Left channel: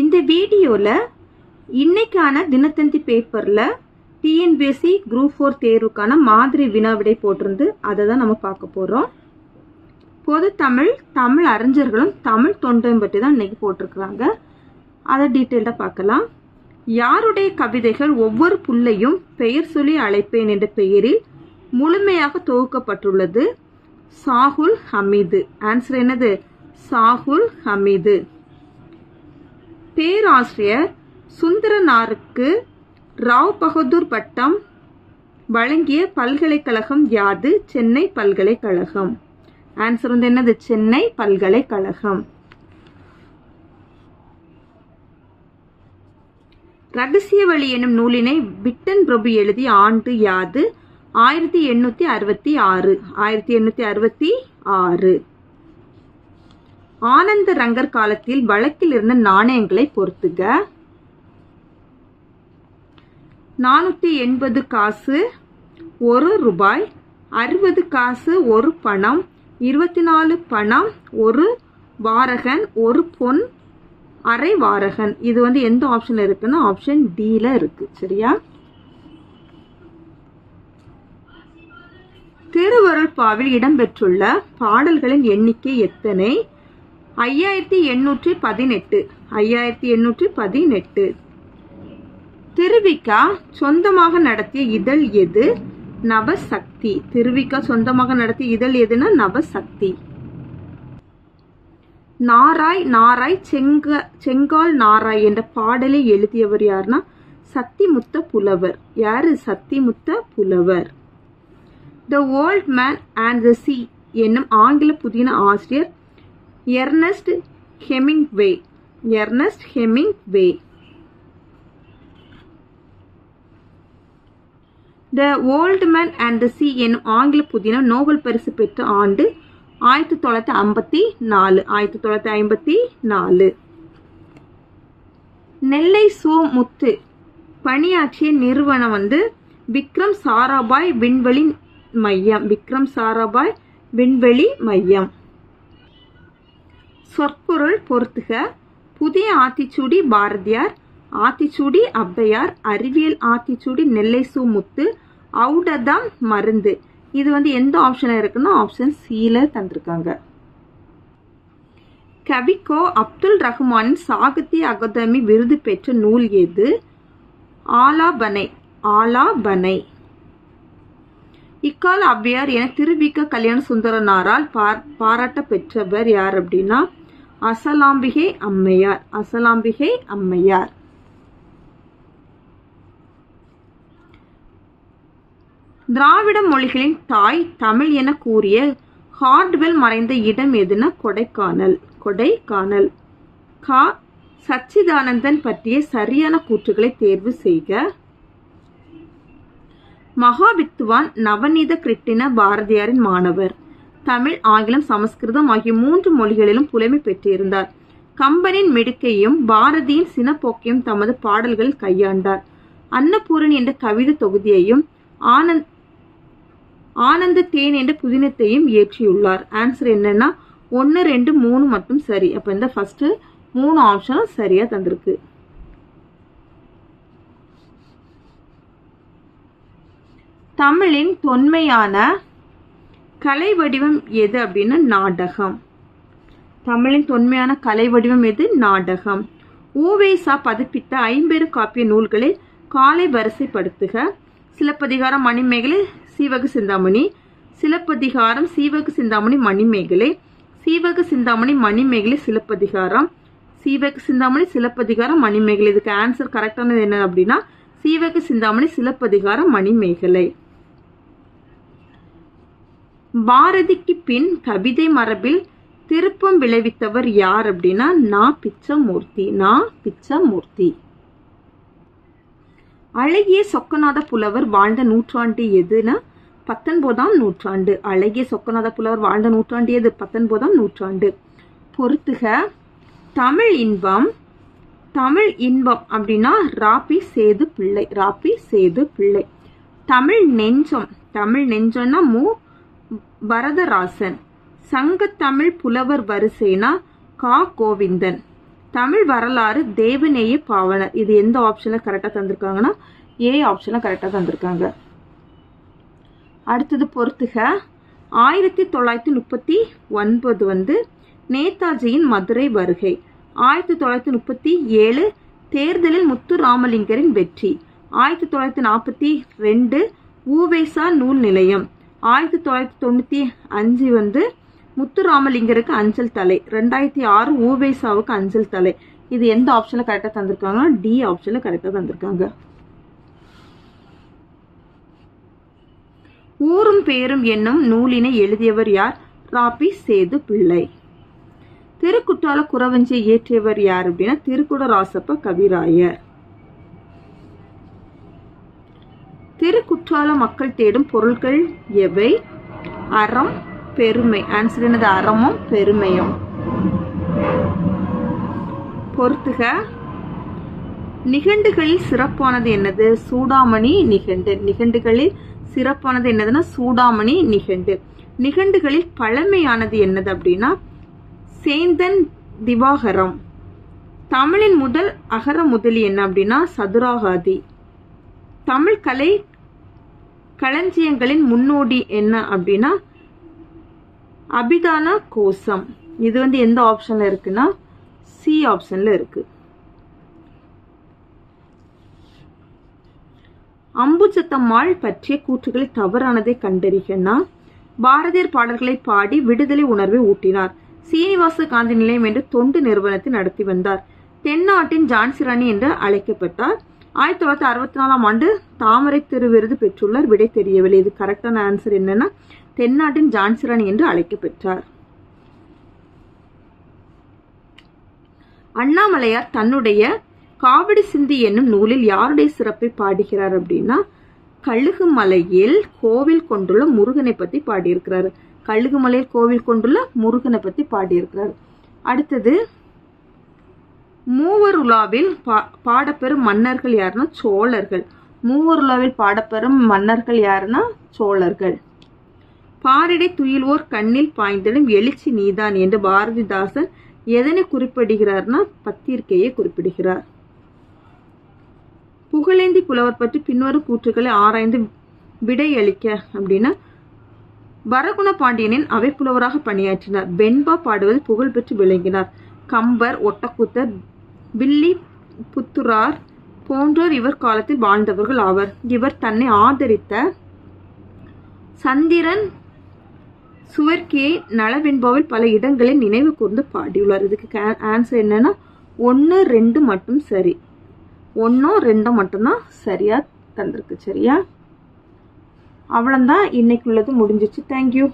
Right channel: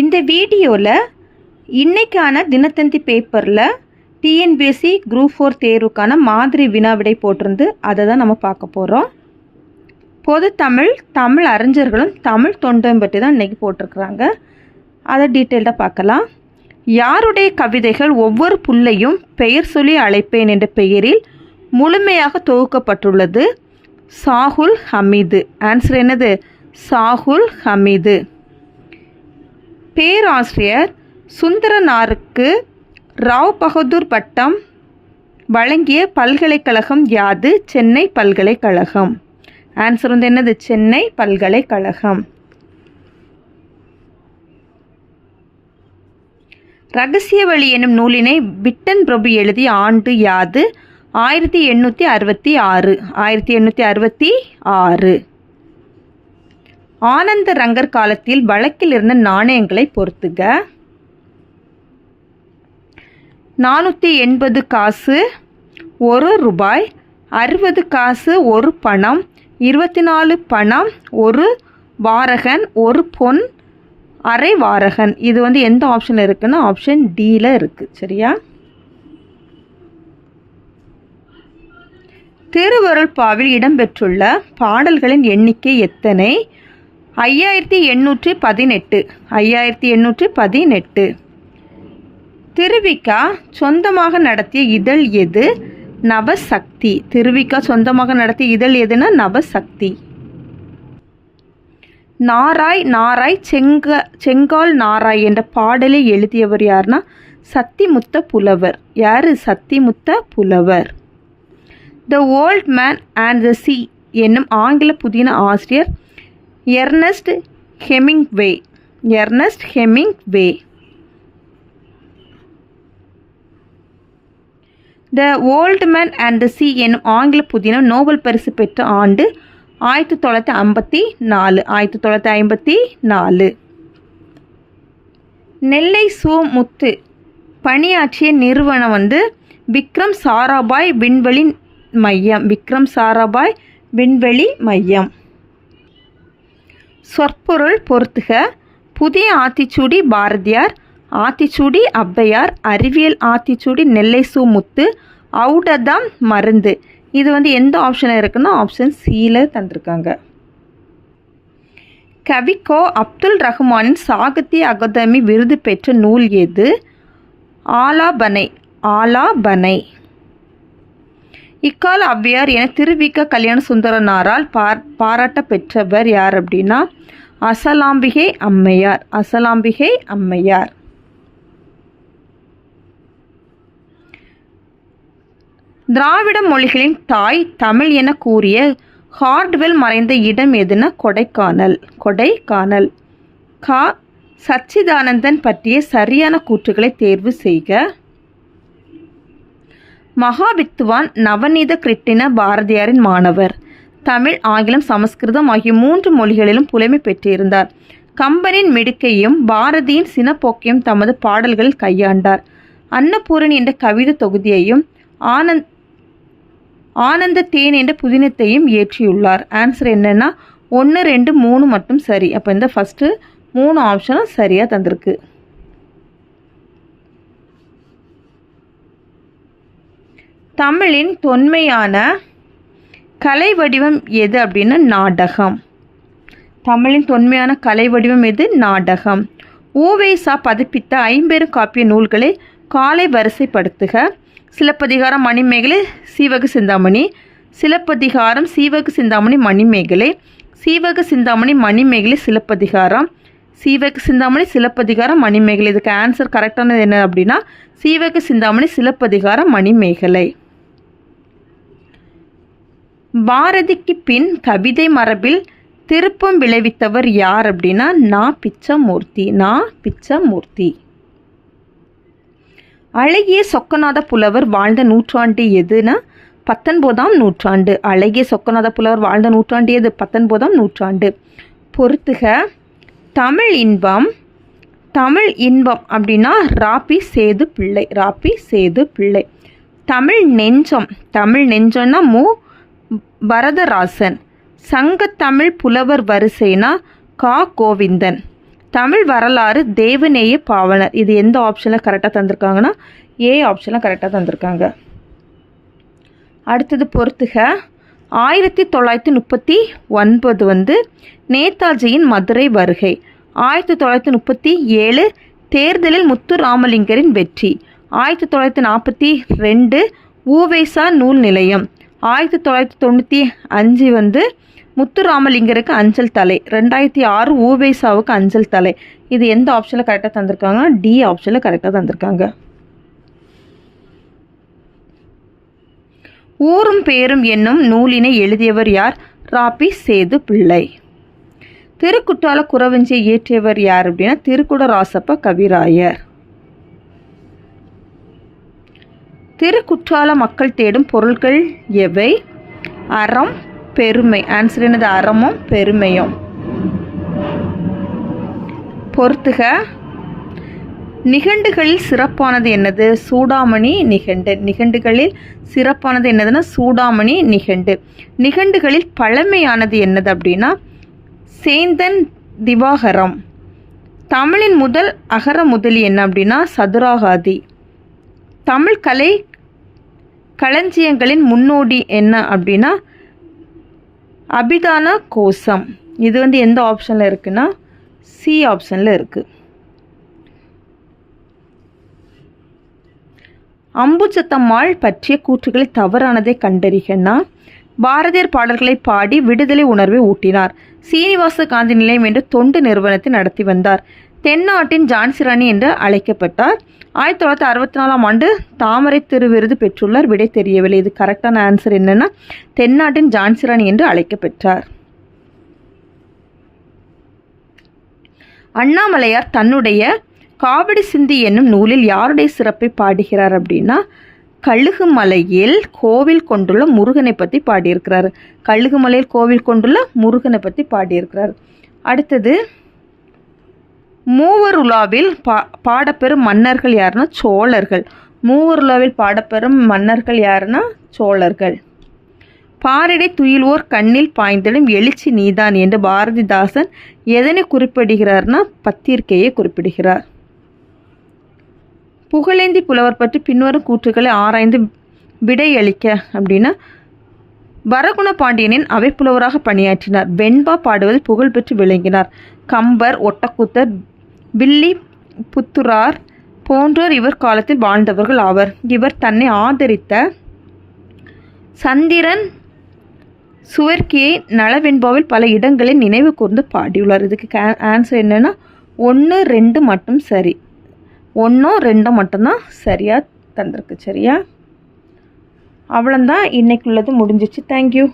இந்த வீடியோவில் இன்னைக்கான தினத்தந்தி பேப்பரில் டிஎன்பிஎஸ்சி குரூப் ஃபோர் தேர்வுக்கான மாதிரி வினா விடை போட்டிருந்து அதை தான் நம்ம பார்க்க போகிறோம் பொது தமிழ் தமிழ் அறிஞர்களும் தமிழ் தொண்டையும் பற்றி தான் இன்றைக்கி போட்டிருக்கிறாங்க. அதை டீட்டெயில்டாக பார்க்கலாம். யாருடைய கவிதைகள் ஒவ்வொரு புல்லையும் பெயர் சொல்லி அழைப்பேன் என்ற பெயரில் முழுமையாக தொகுக்கப்பட்டுள்ளது? சாகுல் ஹமீது. ஆன்சர் என்னது? சாகுல் ஹமீது. பேராசிரியர் சுந்தரனாருக்கு ராவ் பகதூர் பட்டம் வழங்கிய பல்கலைக்கழகம் யாது? சென்னை பல்கலைக்கழகம். ஆன்சர் வந்து என்னது? சென்னை பல்கலைக்கழகம். ரகசிய வழி எனும் நூலினை பிட்டன் பிரபு எழுதிய ஆண்டு யாது? ஆயிரத்தி எண்ணூற்றி அறுபத்தி ஆறு. ஆயிரத்தி எண்ணூற்றி அறுபத்தி ஆறு. ஆனந்த ரங்கர் காலத்தில் வழக்கில் இருந்த நாணயங்களை பொறுத்துக. நானூற்றி எண்பது காசு ஒரு ரூபாய் அறுபது காசு ஒரு பணம் இருபத்தி நாலு பணம் ஒரு வாரகன் ஒரு பொன் அரை வாரகன். இது வந்து எந்த ஆப்ஷனில் இருக்குன்னா ஆப்ஷன் டியில் இருக்குது சரியா? திருவருள் பாவில் இடம்பெற்றுள்ள பாடல்களின் எண்ணிக்கை எத்தனை? ஐயாயிரத்தி எண்ணூற்றி பதினெட்டு. ஐயாயிரத்தி எண்ணூற்றி பதினெட்டு. திருவிக்கா சொந்தமாக நடத்திய இதழ் எது? நவசக்தி. திருவிக்கா சொந்தமாக நடத்திய இதழ் எதுனா நவசக்தி. நாராய் நாராய் செங்க செங்கால் நாராய் என்ற பாடலை எழுதியவர் யாருன்னா சத்திமுத்த புலவர். யார்? சத்திமுத்த புலவர். The old man and the sea என்னும் ஆங்கில புதின ஆசிரியர் Ernest Hemingway Ernest Hemingway the old man and the sea என்னும் ஆங்கில புதினம் நோபல் பரிசு பெற்ற ஆண்டு ஆயிரத்தி தொள்ளாயிரத்தி ஐம்பத்தி நாலு. ஆயிரத்தி தொள்ளாயிரத்தி ஐம்பத்தி நாலு. நெல்லை சு முத்து பணியாற்றிய நிறுவனம் வந்து விக்ரம் சாராபாய் விண்வெளி மையம். விக்ரம் சாராபாய் விண்வெளி மையம். சொற்பொருள் பொறுத்துக புதிய ஆத்திச்சூடி பாரதியார் ஆத்திச்சூடி ஔவையார் அறிவியல் ஆத்திச்சூடி நெல்லை சு முத்து அவுடதம் மருந்து. இது வந்து எந்த ஆப்ஷனில் இருக்குன்னா ஆப்ஷன் சியில் தந்திருக்காங்க. கவிக்கோ அப்துல் ரஹ்மானின் சாகித்ய அகாதமி விருது பெற்ற நூல் எது? ஆலாபனை ஆலாபனை. இக்கால அவ்வியார் என திருவிக்க கல்யாண சுந்தரனாரால் பாராட்ட பெற்றவர் யார் அப்படின்னா அசலாம்பிகை அம்மையார் அசலாம்பிகை அம்மையார். திராவிட மொழிகளின் தாய் தமிழ் என கூறிய ஹார்ட்வெல் மறைந்த இடம் எதுன கொடைக்கானல் கொடைக்கானல். கா. சச்சிதானந்தன் பற்றிய சரியான கூற்றுகளை தேர்வு செய்க. மகாவித்துவான் நவநீத கிருட்டின பாரதியாரின் மாணவர். தமிழ் ஆங்கிலம் சமஸ்கிருதம் ஆகிய மூன்று மொழிகளிலும் புலமை பெற்றிருந்தார். கம்பனின் மிடுக்கையும் பாரதியின் சினப்போக்கையும் தமது பாடல்களில் கையாண்டார். அன்னபூரணி என்ற கவிதை தொகுதியையும் ஆனந்த் ஆனந்த தேன் என்ற புதினத்தையும் இயற்றியுள்ளார். ஆன்சர் என்னென்னா ஒன்று ரெண்டு மூணு மட்டும் சரி. அப்போ இந்த ஃபஸ்ட்டு மூணு ஆப்ஷனும் சரியாக தந்திருக்கு. தமிழின் தொன்மையான கலை வடிவம் எது அப்படின்னா நாடகம். தமிழின் தொன்மையான கலை வடிவம் எது? நாடகம். ஓவேசா பதிப்பித்த ஐம்பெரும் காப்பிய நூல்களை காலை வரிசைப்படுத்துக. சிலப்பதிகாரம் மணிமேகலை சீவக சிந்தாமணி. சிலப்பதிகாரம் சீவக சிந்தாமணி மணிமேகலை. சீவக சிந்தாமணி மணிமேகலை சிலப்பதிகாரம். சீவக சிந்தாமணி சிலப்பதிகாரம் மணிமேகலை. இதுக்கு ஆன்சர் கரெக்டானது என்ன அப்படின்னா சீவக சிந்தாமணி சிலப்பதிகாரம் மணிமேகலை. பாரதிக்கு பின் கவிதை மரபில் திருப்பம் விளைவித்தவர் யார் அப்படின்னா நான் பிச்சமூர்த்தி நான் பிச்சமூர்த்தி. அழகிய சொக்கநாத புலவர் வாழ்ந்த நூற்றாண்டு எதுனா பத்தொன்பதாம் நூற்றாண்டு. அழகிய சொக்கநாத புலவர் வாழ்ந்த நூற்றாண்டு எது? பத்தொன்பதாம் நூற்றாண்டு. பொறுத்துக தமிழ் இன்பம் தமிழ் இன்பம் அப்படின்னா ராபி சேது பிள்ளை ராபி சேது பிள்ளை. தமிழ் நெஞ்சம் தமிழ் நெஞ்சம்னா மு பரதராசன் சங்கத்தமிழ் புலவர் வரிசைனா கா. கோவிந்தன். தமிழ் வரலாறு தேவநேய பாவனர் இது எந்த ஆப்ஷனில் கரெக்டாக தந்திருக்காங்கன்னா ஏ ஆப்ஷனில் கரெக்டாக தந்திருக்காங்க. அடுத்தது பொறுத்துக. ஆயிரத்தி தொள்ளாயிரத்தி முப்பத்தி ஒன்பது வந்து நேதாஜியின் மதுரை வருகை. ஆயிரத்தி தொள்ளாயிரத்தி முப்பத்தி ஏழு தேர்தலில் முத்து ராமலிங்கரின் வெற்றி. ஆயிரத்தி தொள்ளாயிரத்தி நாற்பத்தி ரெண்டு ஊவேசா நூல் நிலையம். ஆயிரத்தி தொள்ளாயிரத்தி தொண்ணூற்றி அஞ்சு வந்து முத்துராமலிங்கருக்கு அஞ்சல் தலை ரெண்டாயிரத்தி ஆறு ஊபேசாவுக்கு அஞ்சல் தலை. இது எந்த ஆப்ஷனில் கரெக்டாக தந்திருக்காங்க? டி ஆப்ஷனில் கரெக்டாக தந்திருக்காங்க. ஊரும் பேரும் என்னும் நூலினை எழுதியவர் யார்? ராபி சேது பிள்ளை. திருக்குற்றால குறவஞ்சியை இயற்றியவர் யார் அப்படின்னா திருக்குடராசப்ப கவிராயர். திருக்குற்றால மக்கள் தேடும் பொருட்கள் எவை? அறம் பெருமை. ஆன்சர் என்னது? அறமும் பெருமையும். பொறுத்துக. நிகண்டுகளில் சிறப்பானது என்னது? சூடாமணி நிகண்டு. நிகண்டுகளில் சிறப்பானது என்னதுன்னா சூடாமணி நிகண்டு. நிகண்டுகளில் பழமையானது என்னது அப்படின்னா சேந்தன் திவாகரம். தமிழின் முதல் அகர முதலி என்ன அப்படின்னா சதுராகாதி. தமிழ் கலை களஞ்சியங்களின் முன்னோடி என்ன அப்படின்னா அபிதான கோசம் இது வந்து எந்த ஆப்ஷனில் இருக்குன்னா சி ஆப்ஷனில் இருக்குது அம்புச்சத்தம்மாள் பற்றிய கூற்றுகளை தவறானதை கண்டறிகன்னா பாரதியர் பாடல்களை பாடி விடுதலை உணர்வை ஊட்டினார். சீனிவாச காந்தி நிலையம் என்று தொண்டு நிறுவனத்தை நடத்தி வந்தார். தென்னாட்டின் ஜான்சிராணி என்று அழைக்கப்பட்டார். ஆயிரத்தி தொள்ளாயிரத்தி அறுபத்தி நாலாம் ஆண்டு தாமரை திருவிருது பெற்றுள்ளார். விடை தெரியவில்லை. இது கரெக்டான ஆன்சர் என்னென்னா தென்னாட்டின் ஜான்சிராணி என்று அழைக்கப்பெற்றார். அண்ணாமலையார் தன்னுடைய காவடி சிந்தி என்னும் நூலில் யாருடைய சிறப்பை பாடுகிறார் அப்படின்னா கழுகுமலையில் கோவில் கொண்டுள்ள முருகனை பற்றி பாடியிருக்கிறார். கழுகுமலையில் கோவில் கொண்டுள்ள முருகனை பற்றி பாடியிருக்கிறார். அடுத்தது மூவர் உலாவில் பா பாடப்பெறும் மன்னர்கள் யாருன்னா சோழர்கள். மூவர் உலாவில் பாடப்பெறும் மன்னர்கள் யாருன்னா சோழர்கள். பாரிடை துயிலோர் கண்ணில் பாய்ந்திடும் எழுச்சி நீதான் என்று பாரதிதாசன் எதனை குறிப்பிடுகிறார்னா பத்திரிகையை குறிப்பிடுகிறார். புகழேந்தி புலவர் பற்றி பின்வரும் கூற்றுகளை ஆராய்ந்து விடையளிக்க அப்படின்னா வரகுண பாண்டியனின் அவைப்புலவராக பணியாற்றினார். வெண்பா பாடுவதில் புகழ்பெற்று விளங்கினார். கம்பர் ஒட்டக்கூத்தர் வில்லி புத்துரார் போன்றோர் இவர் காலத்தில் வாழ்ந்தவர்கள் ஆவர். இவர் தன்னை ஆதரித்த சந்திரன் சுவர்க்கியை நலவெண்பாவில் பல இடங்களில் நினைவு கூர்ந்து பாடியுள்ளார். இதுக்கு ஆன்சர் என்னென்னா ஒன்று ரெண்டு மட்டும் சரி. ஒன்றும் ரெண்டும் மட்டும்தான் சரியாக தந்திருக்கு சரியா? அவ்வளோந்தான் இன்னைக்கு உள்ளது முடிஞ்சிச்சு தேங்க்யூ